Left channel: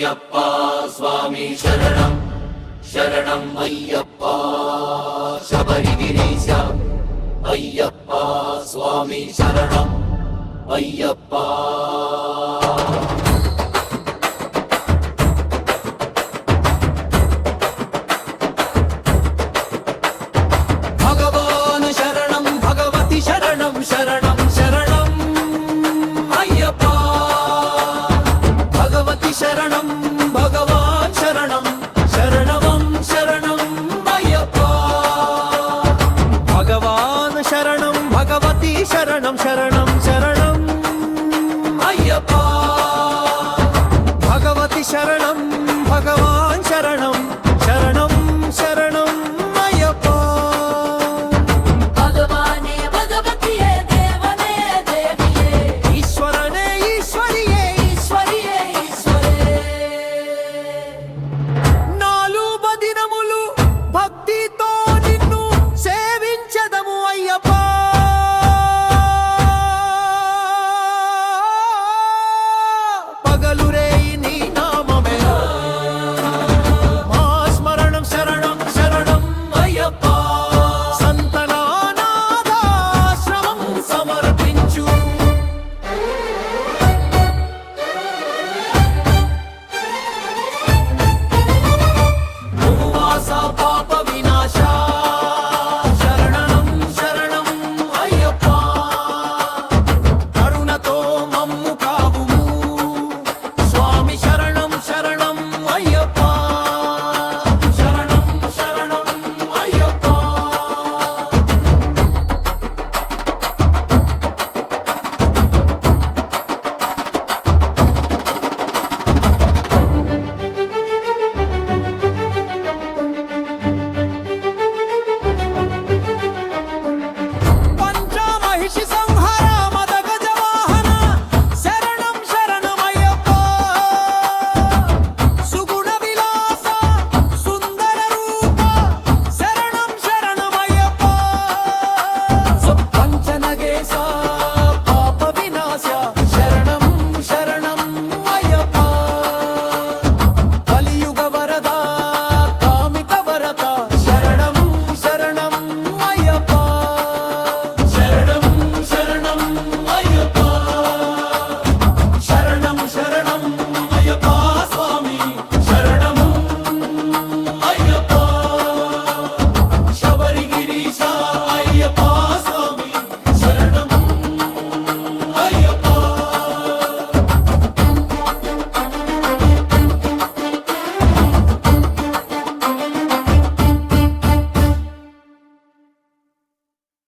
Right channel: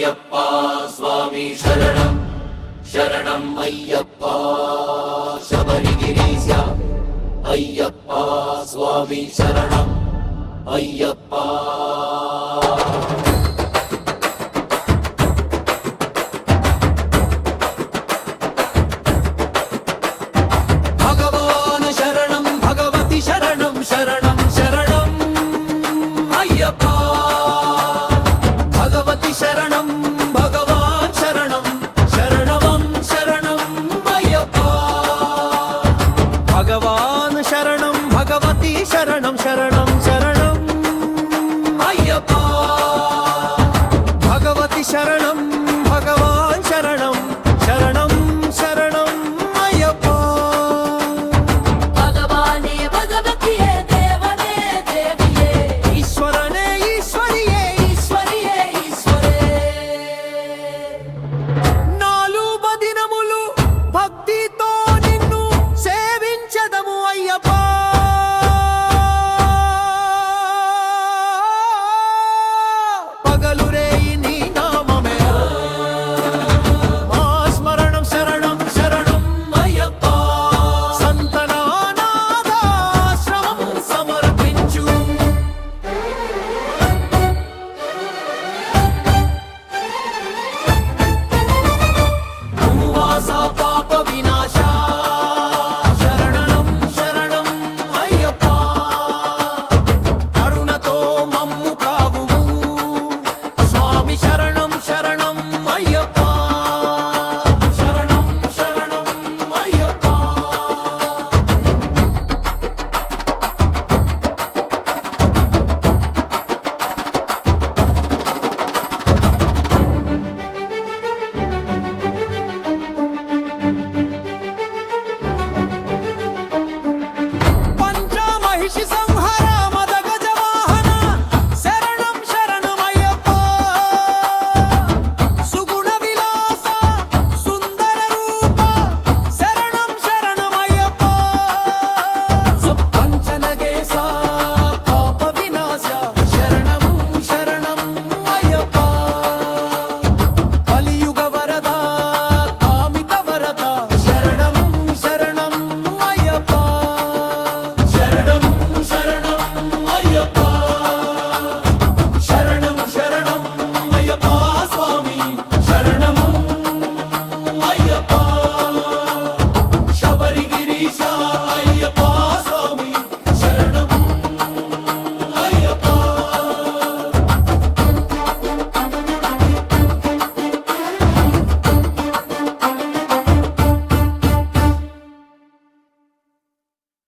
అయ్యప్ప స్వామి శరణం శరణం అయ్యప్ప శబరిగిరీశ అయ్యప్ప స్వామి శరణం అయ్యప్ప భగవాన్ శరణం భగవతి శరణం శరణం శరణం అయ్యప్ప భగవతి శరణం భగవాన్ శరణం శరణం శరణం అయ్యప్ప భగవాన్ శరణం భగవతి శరణం శరణం శరణం అయ్యప్ప భగవతి శరణం భగవాన్ శరణం శరణం శరణం అయ్యప్ప భగవానే భగవతియే దేవనే దేవియే ఈశ్వరనే ఈశ్వరియే ఈశ్వరియే ఈశ్వరే నాలుగు దినములు భక్తితో నిన్ను సేవించదము అయ్యప్ప పగలు రేయి నీ నామమే మా స్మరణం శరణం శరణం అయ్యప్ప సంతనానాదాశ్రమం సమర్పించు భూవాస పాప వినాశ శరణం శరణం అయ్యప్ప కరుణతో మమ్ము కావుము స్వామి శరణం శరణం అయ్యప్ప శరణం శరణం అయ్యప్ప పంచమహిషి సంహర మద గజవాహన శరణం శరణమయ్యప్ప సుగుణ విలాస సుందర రూప శరణం శరణమయ్యప్ప సుపంచనగేశ